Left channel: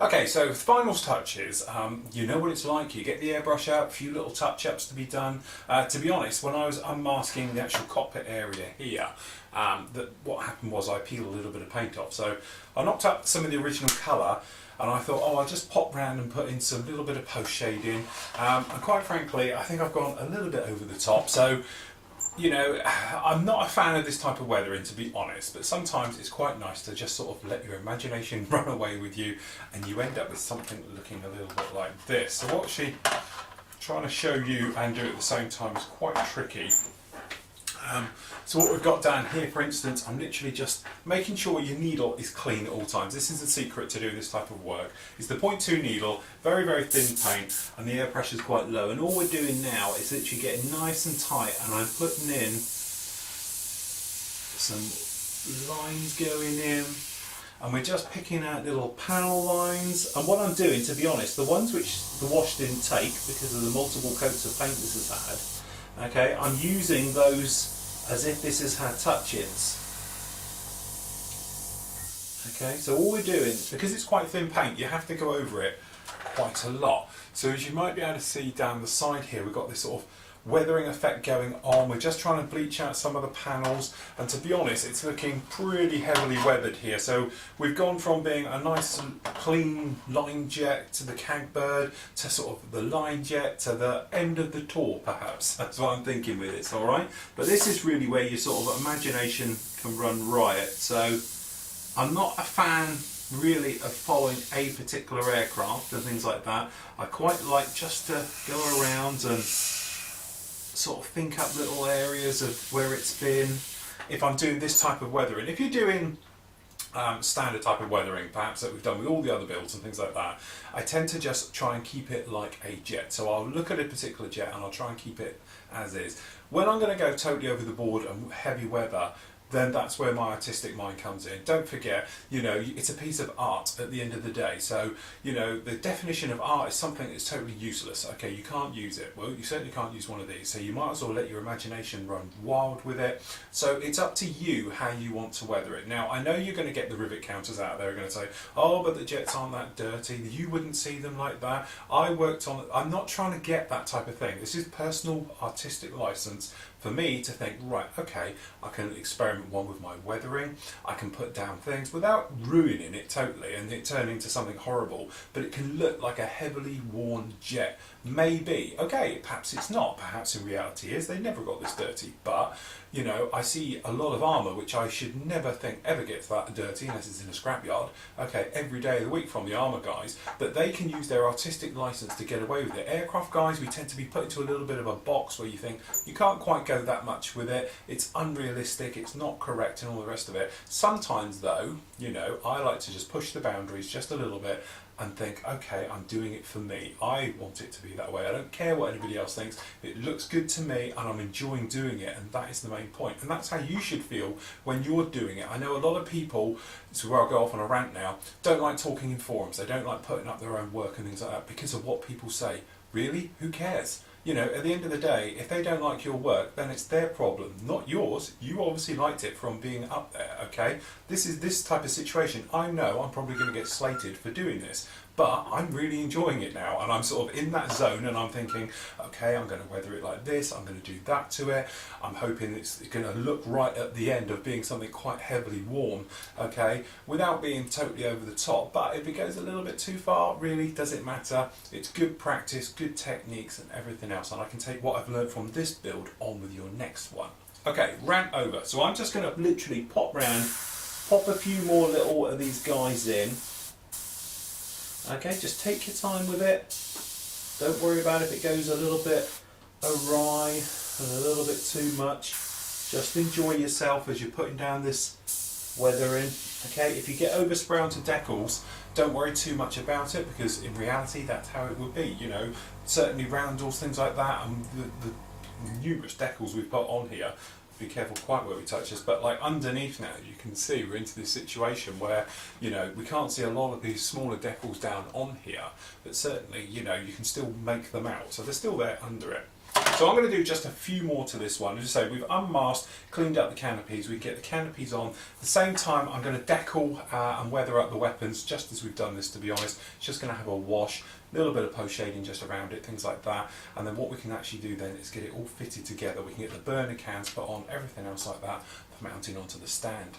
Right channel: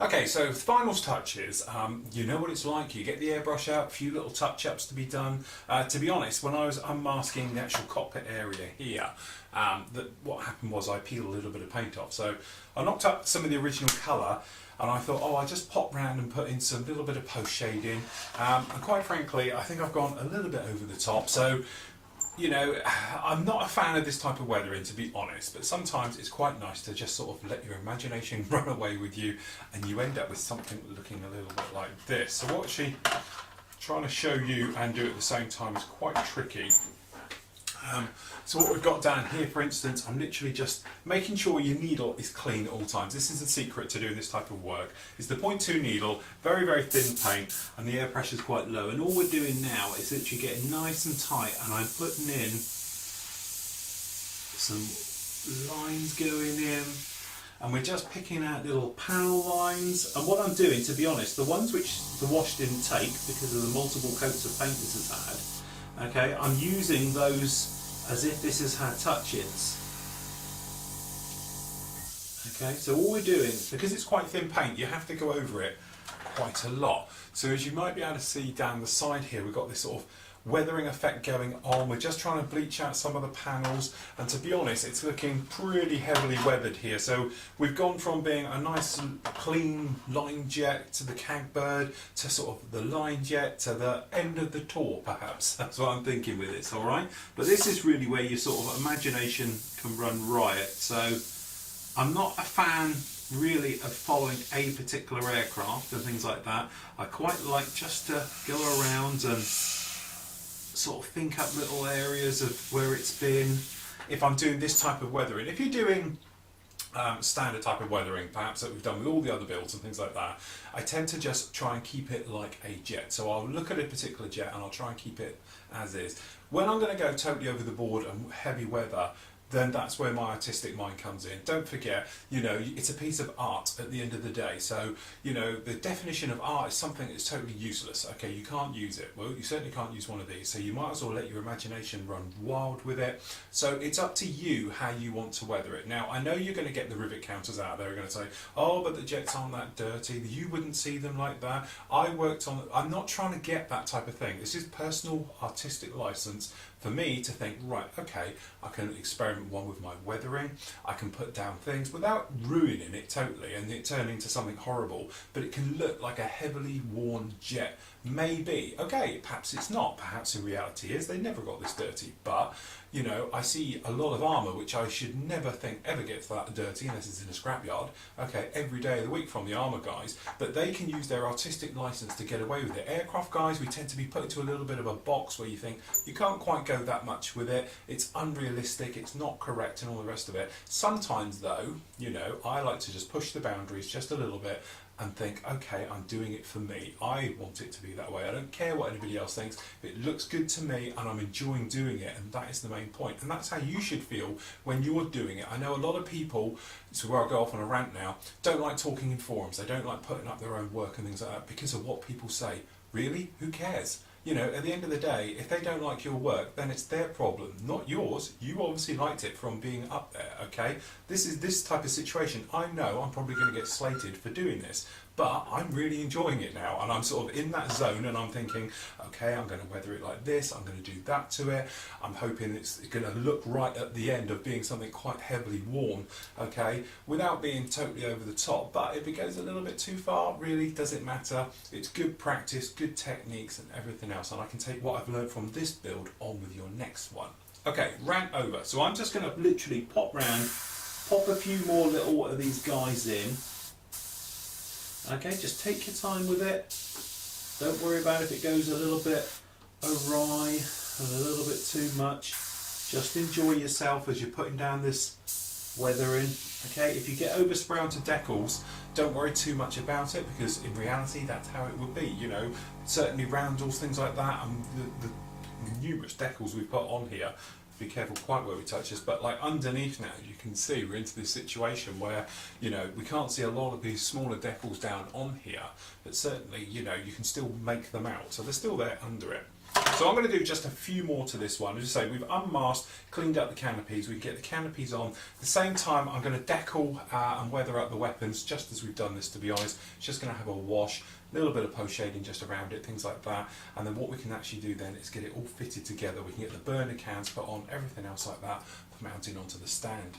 Okay, so final touches, you know what it's like, you get the airbrush out, a few little touch-ups to be done. To be honest, when I was unmasking the actual cockpit area here, what happened was I peeled a little bit of paint off. So I knocked up some of the original colour and I thought, oh, I'll just pop round and put in some little bit of post shading. And quite frankly, I think I've gone a little bit over the top. So, you know, I'm not a fan of this type of weathering, to be honest, but sometimes it's quite nice to just sort of let your imagination run away with you and you end up with something looking a little bit like this. So what she's trying to show you and do at the same time is quite tricky. So what we've got down here, for instance, I'm literally just making sure your needle is clean at all times. This is the secret to doing this type of work. It's the 0.2 needle, very, very thin paint, and the air pressure is quite low. And all we're doing now is literally getting nice and tight, and I'm putting in some lines going in, and we're just picking out little panel lines. And what I'm doing, to be honest, the ones which the wash didn't take because of the multiple coats of paint this has had, okay, I'm using those as if this has had touch-ins. Okay, so all we're doing, because it's quite thin paint, you have to go over it quite a lot. So as you might be able to see down the side here, we've got this sort of weathering effect going on. We're just trying to bleach out some of the panels, and to be honest, it's looking pretty heavily weathered here. So we've gone from being a nice clean line jet to the cagbird to sort of the line jet to the end of the tour, perhaps. That's what I'm thinking with it, all right? But this is really where your sort of imagination can run riot. So I'm not a fan really of following a particular aircraft and things like that. I quite like just to go around and sort of think up little areas of where it's been. If I'm doing this type of weathering, if you're doing standard type of weathering, perhaps that we've done with all the other builds and things like that, I tend to just try and keep it like a jet. So I'll look at a particular jet and I'll try and keep it as is. When I'm going to go totally over the board and heavy weather, then that's where my artistic mind comes in. Don't forget, you know, it's a piece of art at the end of the day. So, you know, the definition of art is something that's totally useless. Okay, you can't use it. Well, you certainly can't use one of these. So you might as well let your imagination run wild with it. So it's up to you how you want to weather it. Now, I know you're going to get the rivet counters out there are going to say, oh, but the jets aren't that dirty. You wouldn't see them like that. I'm not trying to get that type of thing. This is personal artistic license for me to think, right, okay, I can experiment one with my weathering, I can put down things without ruining it totally and it turning into something horrible, but it can look like a heavily worn jet. Maybe, okay, perhaps it's not, perhaps in reality is they never got this dirty, but you know, I see a lot of armour which I should never think ever gets that dirty unless it's in a scrapyard, okay, every day of the week from the armour guys, but they can use their artistic licence to get away with it. Aircraft guys, we tend to be put into a little bit of a box where you think you can't quite go that much with it, it's unrealistic, it's not correct and all the rest of it. Sometimes though, you know, I like to just push the boundaries just a little bit and think, okay, I'm doing it for me. I want it to be that way. I don't care what anybody else thinks. It looks good to me and I'm enjoying doing it, and that is the main point. And that's how you should feel when you're doing it. I know a lot of people, this is where I'll go off on a rant now, don't like talking in forums. They don't like putting up their own work and things like that because of what people say. Really? Who cares? You know, at the end of the day, if they don't like your work, then it's their problem, not yours. You obviously liked it from being up there, okay? This is this type of situation. I know I'm probably going to get slated for doing this, but I'm really enjoying it now, and I'm sort of in that zone, and I'm thinking, okay, I'm going to weather it like this, I'm going to do that to it, I'm hoping it's going to look right at the end of being something quite heavily worn, okay, without being totally over the top. But if it goes a little bit too far, really, does it matter? It's good practice, good techniques, and everything else, and I can take what I've learned from this build on with your next one. Okay, rant over. So I'm just going to literally pop round, pop a few more little of these guys in. Okay, just take your time with it. Don't worry about if it goes a little bit awry and a little bit too much. Just enjoy yourself as you're putting down this weathering. Okay, if you get overspray onto decals, don't worry too much about it, because in reality that's how it will be. You know, certainly roundels, things like that, and the numerous decals we've put on here. Be careful quite where we touch this, but like underneath now you can see we're into this situation where, you know, we can't see a lot of these smaller decals down on here, but certainly, you know, you can still make them out, so they're still there under it. So I'm going to do just a few more to this one. As I say, we've unmasked, cleaned up the canopies, we can get the canopies on. At the same time, I'm going to decal and weather up the weapons, just as we've done this, to be honest. It's just going to have a wash, a little bit of post shading just around it, things like that. And then what we can actually do then is get it all fitted together. We can get the burner cans put on, everything else like that, for mounting onto the stand.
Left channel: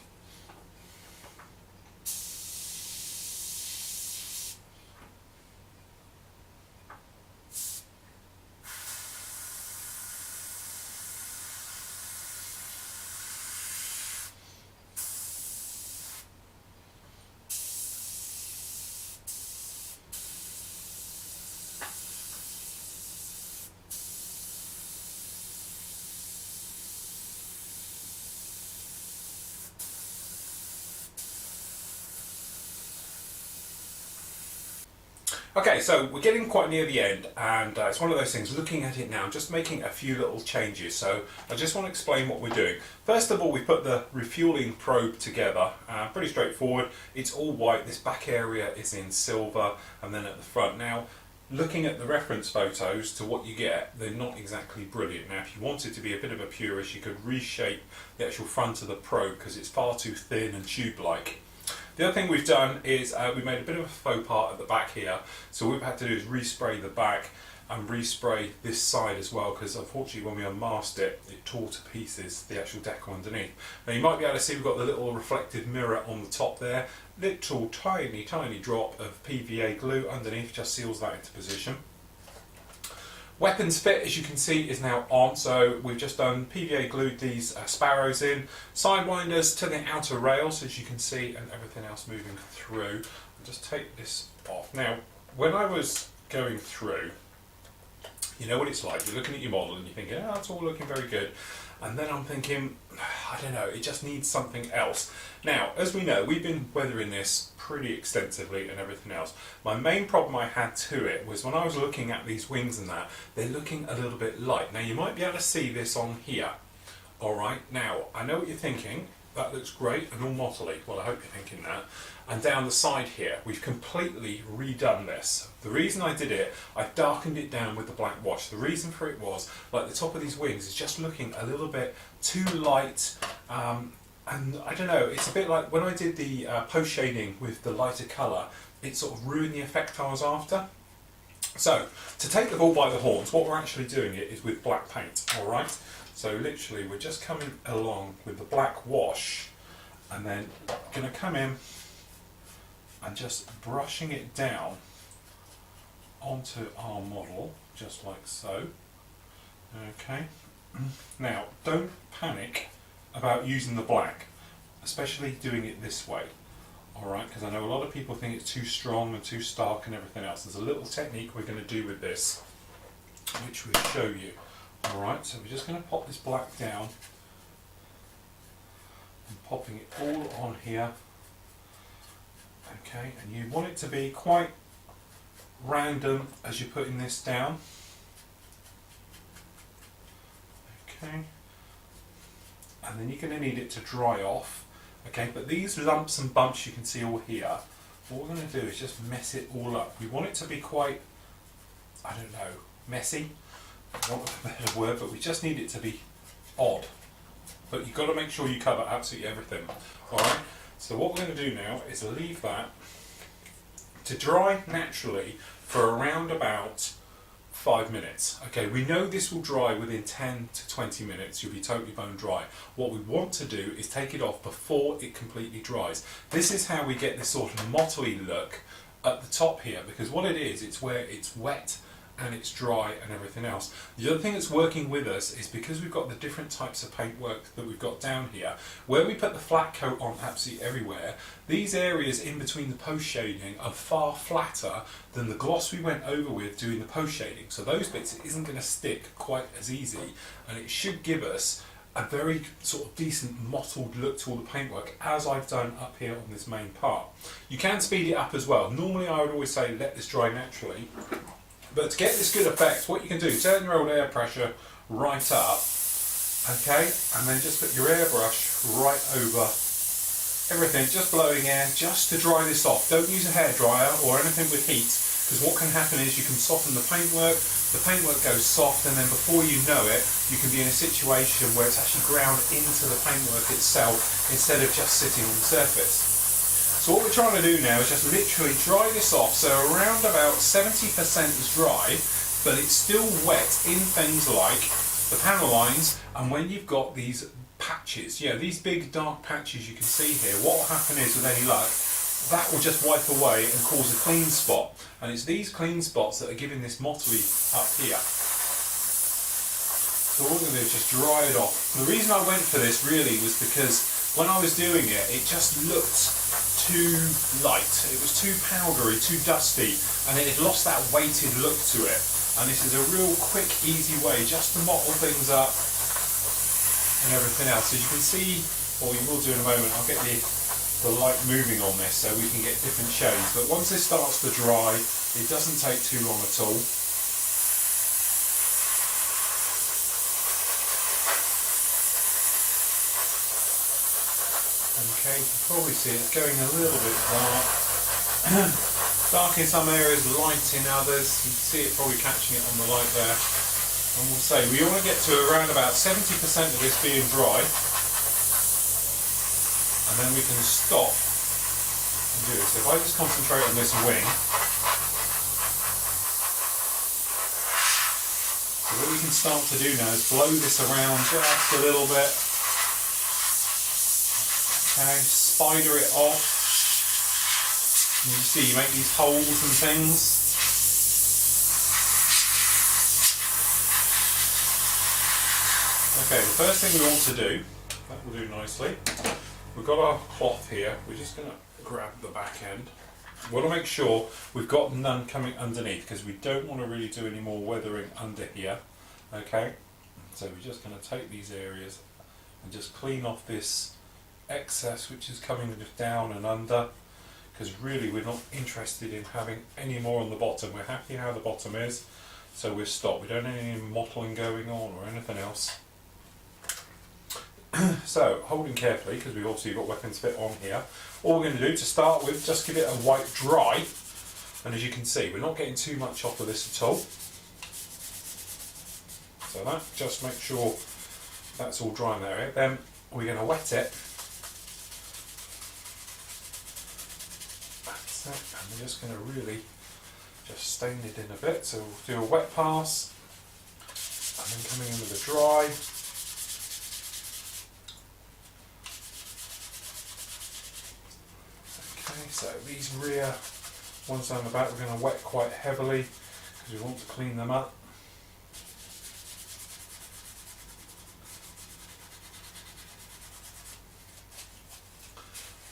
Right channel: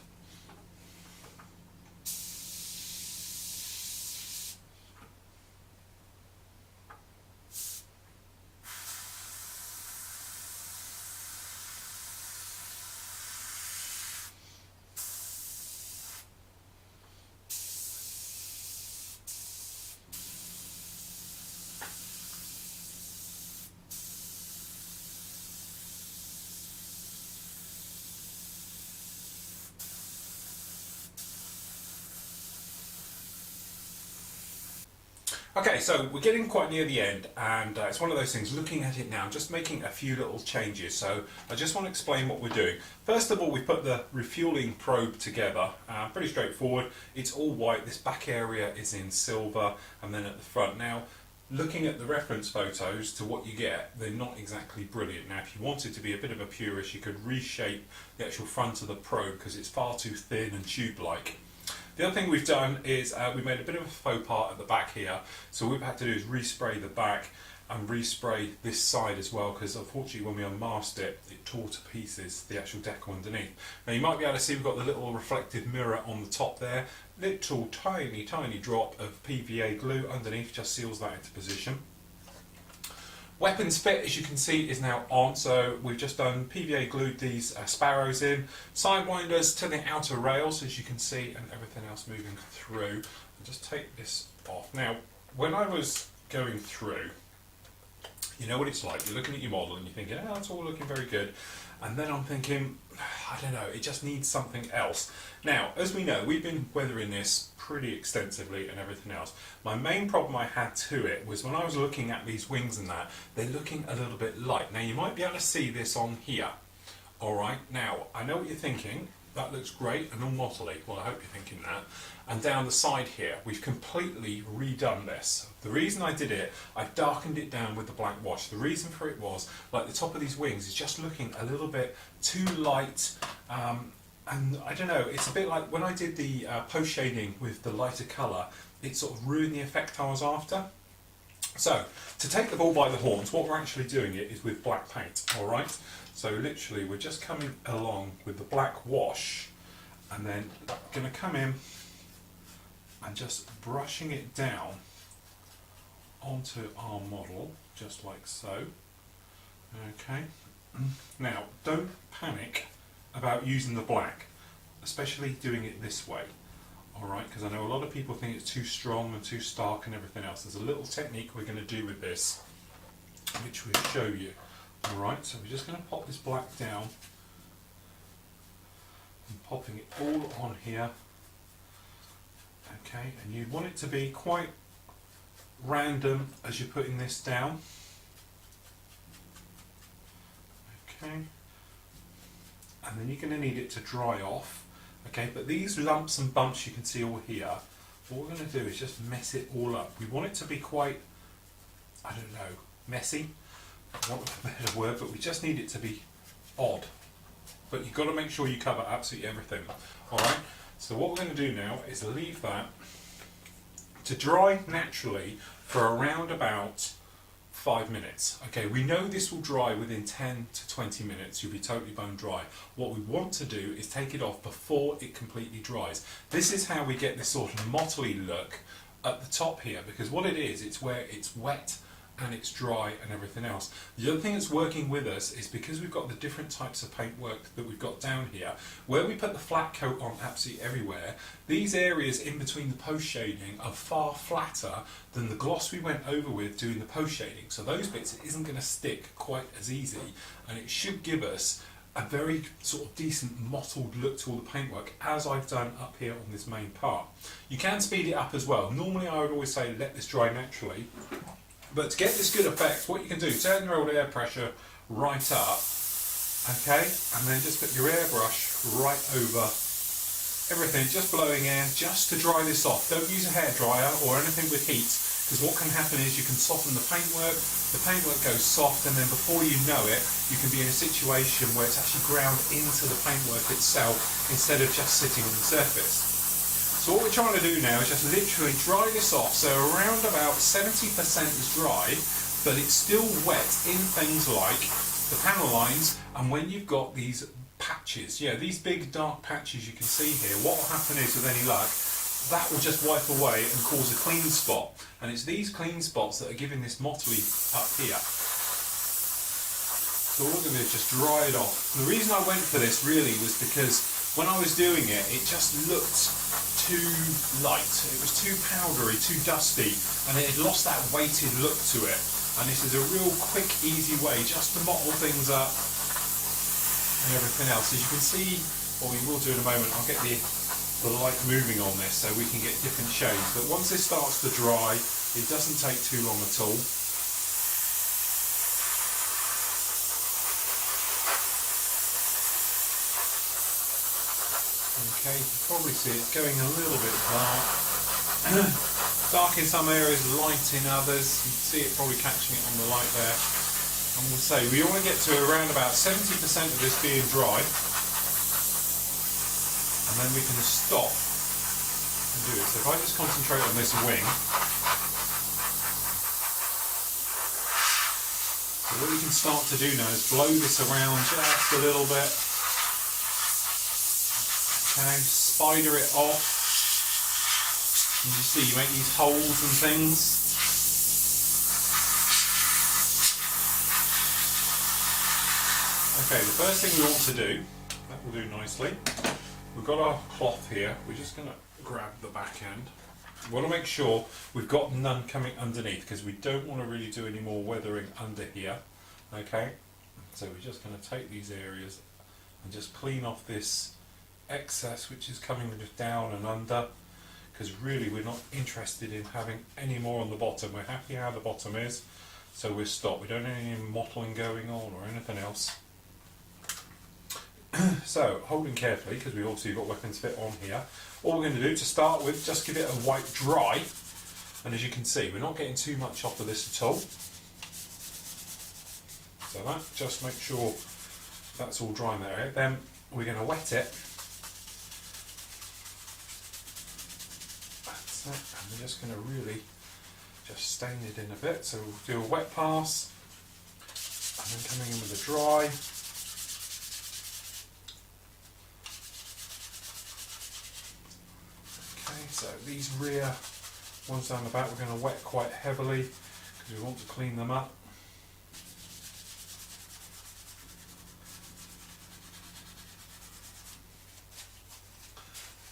Okay, so we're getting quite near the end, and it's one of those things, looking at it now, just making a few little changes. So I just want to explain what we're doing. First of all, we put the refueling probe together, pretty straightforward. It's all white, this back area is in silver, and then at the front. Now, looking at the reference photos to what you get, they're not exactly brilliant. Now, if you wanted to be a bit of a purist, you could reshape the actual front of the probe because it's far too thin and tube-like. The other thing we've done is we made a bit of a faux part at the back here. So what we've had to do is respray the back and respray this side as well, because unfortunately when we unmasked it, it tore to pieces the actual decal underneath. Now you might be able to see we've got the little reflective mirror on the top there. Little tiny drop of PVA glue underneath just seals that into position. Weapons fit, as you can see, is now on, so we've just done PVA glued these sparrows in, sidewinders to the outer rails, as you can see, and everything else moving through. I'll just take this off. Now, when I was going through, you know what it's like, you're looking at your model and you're thinking, oh, it's all looking very good. And then I'm thinking, I don't know, it just needs something else. Now, as we know, we've been weathering this pretty extensively and everything else. My main problem I had to it was when I was looking at these wings and that, they're looking a little bit light. Now, you might be able to see this on here. All right, now, I know what you're thinking. That looks great and all mottly. Well, I hope you're thinking that. And down the side here, we've completely redone this. The reason I did it, I darkened it down with the black wash. The reason for it was, like the top of these wings is just looking a little bit too light. And I don't know, it's a bit like when I did the post shading with the lighter colour, it sort of ruined the effect I was after. So, to take the bull by the horns, what we're actually doing it is with black paint, alright? So literally we're just coming along with the black wash and then going to come in and just brushing it down onto our model, just like so. Okay. Now, don't panic about using the black, especially doing it this way. Alright, because I know a lot of people think it's too strong and too stark and everything else. There's a little technique we're going to do with this, which we'll show you. Alright, so we're just going to pop this black down and popping it all on here. Okay, and you want it to be quite random as you're putting this down. Okay, and then you're going to need it to dry off. Okay, but these lumps and bumps you can see all here, what we're going to do is just mess it all up. We want it to be quite, I don't know, messy, for want of a better word, but we just need it to be odd. But you've got to make sure you cover absolutely everything. Alright, so what we're going to do now is leave that to dry naturally for around about 5 minutes. Okay, we know this will dry within 10 to 20 minutes. You'll be totally bone dry. What we want to do is take it off before it completely dries. This is how we get this sort of mottly look at the top here, because what it is, it's where it's wet and it's dry and everything else. The other thing that's working with us is because we've got the different types of paintwork that we've got down here, where we put the flat coat on absolutely everywhere, these areas in between the post shading are far flatter than the gloss we went over with doing the post shading. So those bits isn't going to stick quite as easy, and it should give us a very sort of decent mottled look to all the paintwork, as I've done up here on this main part. You can speed it up as well. Normally I would always say let this dry naturally, but to get this good effect, what you can do, turn your old air pressure right up, okay, and then just put your airbrush right over everything, just blowing air, just to dry this off. Don't use a hairdryer or anything with heat, because what can happen is you can soften the paintwork goes soft, and then before you know it, you can be in a situation where it's actually ground into the paintwork itself instead of just sitting on the surface. So what we're trying to do now is just literally dry this off. So around about 70% is dry, but it's still wet in things like the panel lines, and when you've got these patches, these big dark patches you can see here, what will happen is, with any luck, that will just wipe away and cause a clean spot. And it's these clean spots that are giving this mottly up here. So all I'm going to do is just dry it off. And the reason I went for this really was because when I was doing it, it just looked too light. It was too powdery, too dusty, and it had lost that weighted look to it. And this is a real quick, easy way just to mottle things up and everything else. As you can see, or we will do in a moment, I'll get the light moving on this so we can get different shades. But once this starts to dry, it doesn't take too long at all. Okay, you can probably see it's going a little bit dark. Dark in some areas, light in others. You can see it probably catching it on the light there. And we'll say we want to get to around about 70% of this being dry, and then we can stop and do it. So if I just concentrate on this wing, so what you can start to do now is blow this around just a little bit. Okay, spider it off. And you see you make these holes and things. Okay, the first thing we want to do, that will do nicely, we've got our cloth here. We're just going to grab the back end. We want to make sure we've got none coming underneath, because we don't want to really do any more weathering under here. Okay, so we're just going to take these areas and just clean off this excess which is coming down and under, because really we're not interested in having any more on the bottom. We're happy how the bottom is, so we're stopped. We don't need any mottling going on or anything else. So, holding carefully, because we've obviously got weapons fit on here, all we're going to do to start with, just give it a wipe dry, and as you can see, we're not getting too much off of this at all. So that, just make sure that's all dry in that area. Then we're going to wet it. That's it, and we're just going to really just stain it in a bit. So we'll do a wet pass, and then coming in with a dry. So these rear ones down the back we're going to wet quite heavily because we want to clean them up.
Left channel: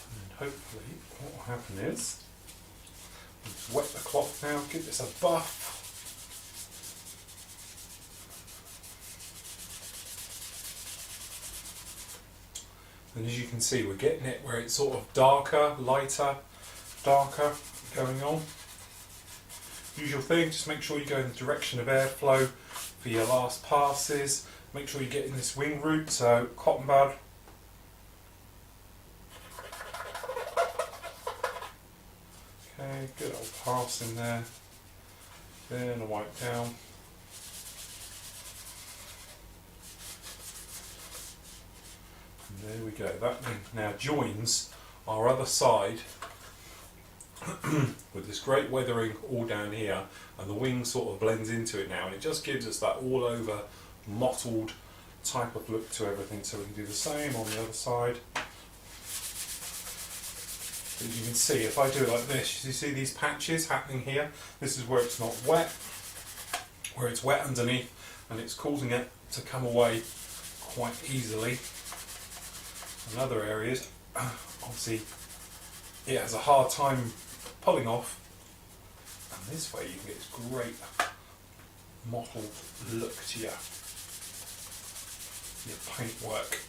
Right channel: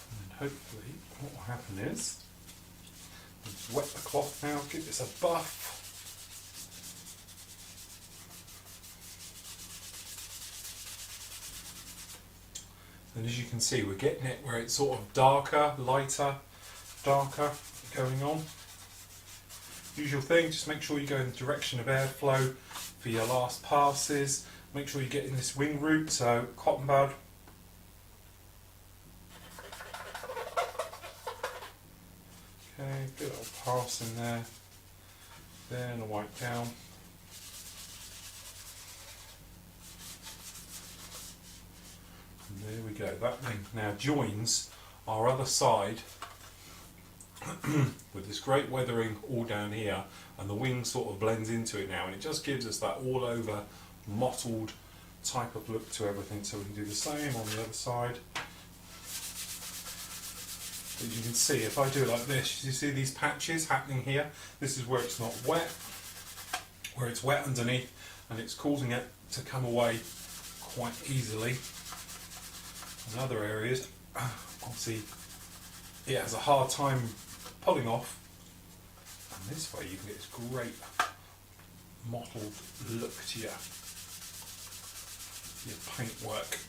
And then hopefully what will happen is, let's wet the cloth now, give this a buff. And as you can see, we're getting it where it's sort of darker, lighter, darker going on. Usual thing, just make sure you go in the direction of airflow for your last passes. Make sure you get in this wing root, so cotton bud. Okay, good old pass in there. Then a wipe down. And there we go. That then now joins our other side with this great weathering all down here, and the wing sort of blends into it now, and it just gives us that all over mottled type of look to everything. So we can do the same on the other side. As you can see, if I do it like this, you see these patches happening here? This is where it's not wet, where it's wet underneath, and it's causing it to come away quite easily. In other areas, obviously, it has a hard time pulling off, and this way you can get this great mottled look to your paintwork.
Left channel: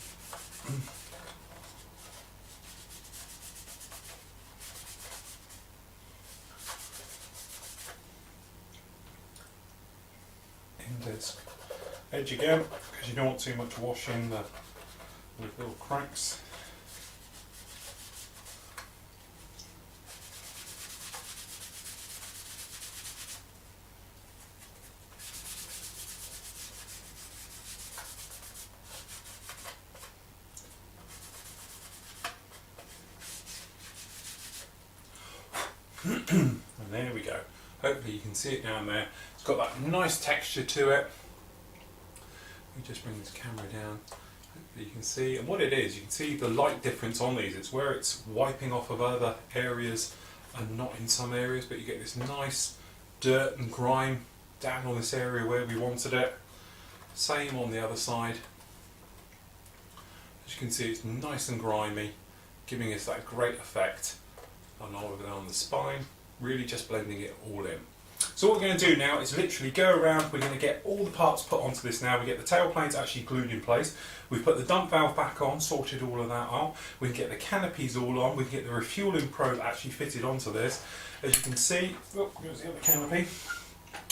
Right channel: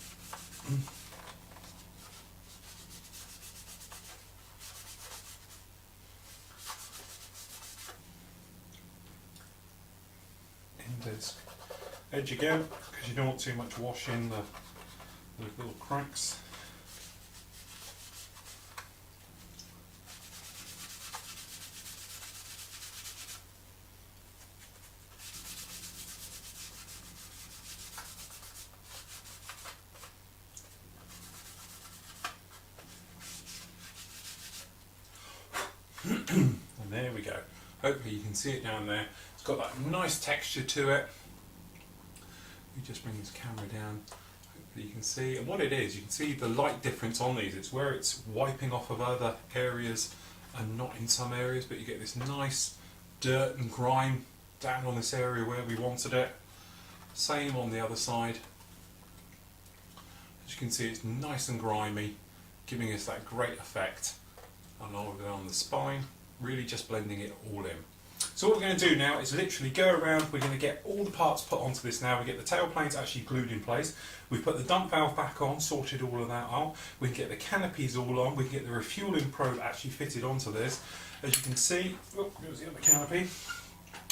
This edge again, because you don't want too much wash in the little cracks. And there we go. Hopefully you can see it down there. It's got that nice texture to it. Let me just bring this camera down. Hopefully you can see. And what it is, you can see the light difference on these. It's where it's wiping off of other areas and not in some areas, but you get this nice dirt and grime down on this area where we wanted it. Same on the other side. As you can see, it's nice and grimy, giving us that great effect. And over there on the spine, really just blending it all in. So what we're going to do now is literally go around. We're going to get all the parts put onto this now. We get the tail planes actually glued in place. We've put the dump valve back on, sorted all of that out. We can get the canopies all on. We can get the refueling probe actually fitted onto this. As you can see, oh, there's the other canopy.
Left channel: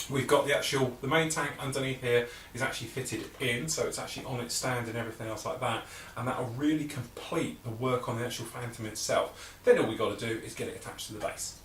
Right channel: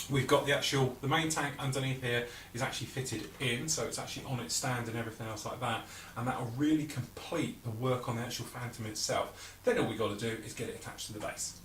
We've got the main tank underneath here is actually fitted in, so it's actually on its stand and everything else like that, and that will really complete the work on the actual Phantom itself. Then all we've got to do is get it attached to the base.